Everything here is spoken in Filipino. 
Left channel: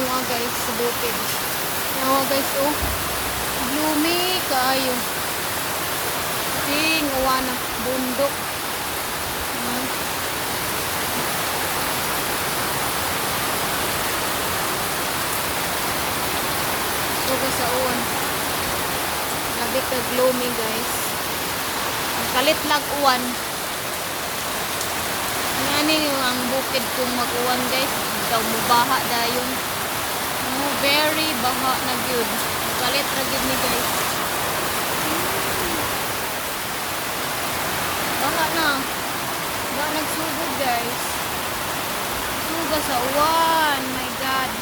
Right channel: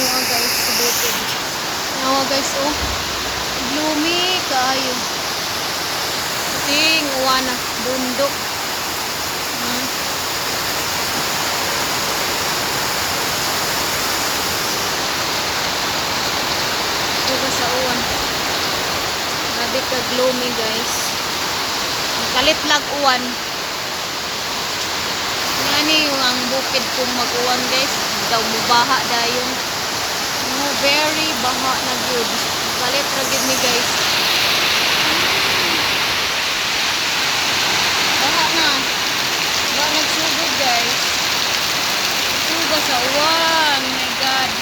mua guys sa bukid. Nawa guys oh. Gloomy kaayo. Ting uwana bundok. Tuga sa uwan. Grabe ka gloomy guys. Ang kalit lag uwan. Ngani yung ang bukid kung mag-uwan guys. Daw mubaha dayon. No, very baha na gyud. Kalit ra gyud mi guys. Baha na. Baha nagsugod guys. Tuga sa uwan. My God.